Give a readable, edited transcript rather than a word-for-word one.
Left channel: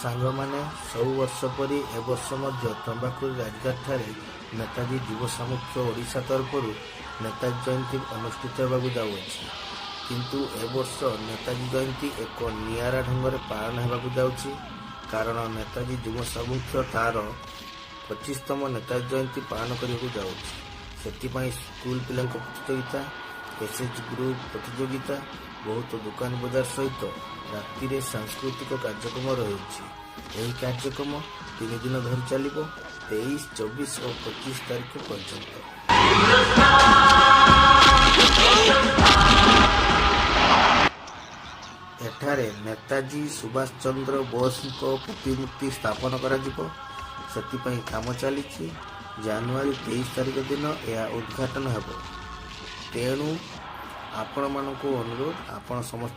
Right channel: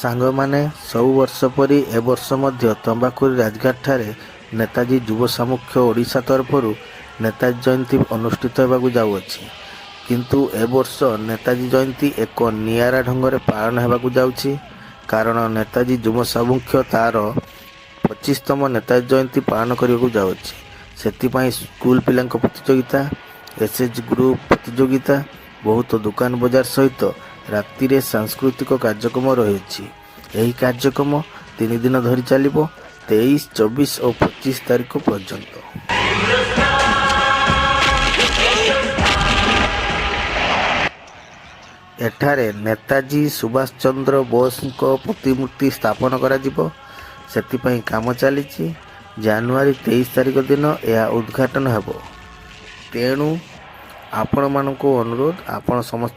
ସାଙ୍ଗମାନେ ସବୁ ବର୍ଷ ପରି ଏ ବର୍ଷ ମଧ୍ୟ ତମ୍ବାକୁରି ରାଜଘାଟ ଠାରେ ନେତାଜୀ ଯୁବ ସାମୁଖ୍ୟ ଓଡ଼ିଶା ତରଫରୁ ନେତାଜୀ ଜୟନ୍ତୀ ଅନୁଷ୍ଠିତ ହେବାକୁ ଯାଉଅଛି। କିନ୍ତୁ ଏ ବର୍ଷ ନେତାଜୀ ଜୟନ୍ତୀ ଏକ ନିଆରା ଢଙ୍ଗରେ ପାଳନ ହେବାକୁ ଯାଉଛି। କାରଣ ନେତାଜୀ ଯୁବ ସାମୁଖ୍ୟ ତାର 25ତମ ନେତାଜୀ ଜୟନ୍ତୀ ପାଳନ କରିବାକୁ ଯାଉଛି। ସେଥିପାଇଁ ସ୍କୁଲ ପିଲାଙ୍କ ପ୍ରତିଯୋଗିତା, ଏସ୍ଏଚ୍ ଗ୍ରୁପ୍ ପ୍ରତିଯୋଗିତା, ବହୁତ ଦୋକାନ ବଜାର ସହିତ ରାତିରେ ସାଂସ୍କୃତିକ କାର୍ଯ୍ୟକ୍ରମ ରହିଛି। ଏହି କାର୍ଯ୍ୟକ୍ରମ 3 ଦିନ ଧରି ଚାଲିବ, 23, 24 ଓ 25 ତାରିଖ ପର୍ଯ୍ୟନ୍ତ। ଏଠାରେ ନେତାଜୀ ସୁଭାଷ ଚନ୍ଦ୍ର ବୋଷଙ୍କ ପ୍ରତିମୂର୍ତ୍ତି ସ୍ଥାପନ କରାଯିବ। ସେଥିପାଇଁ କାମ ଚାଲିଛି। ଜାନୁଆରୀ 23 ତାରିଖ ଦିନ ଏହା ଉଦ୍ଘାଟନ ହେବ। ତେଣୁ ଆପଣମାନଙ୍କୁ ଅନୁରୋଧ, ଆପଣ ସମସ୍ତେ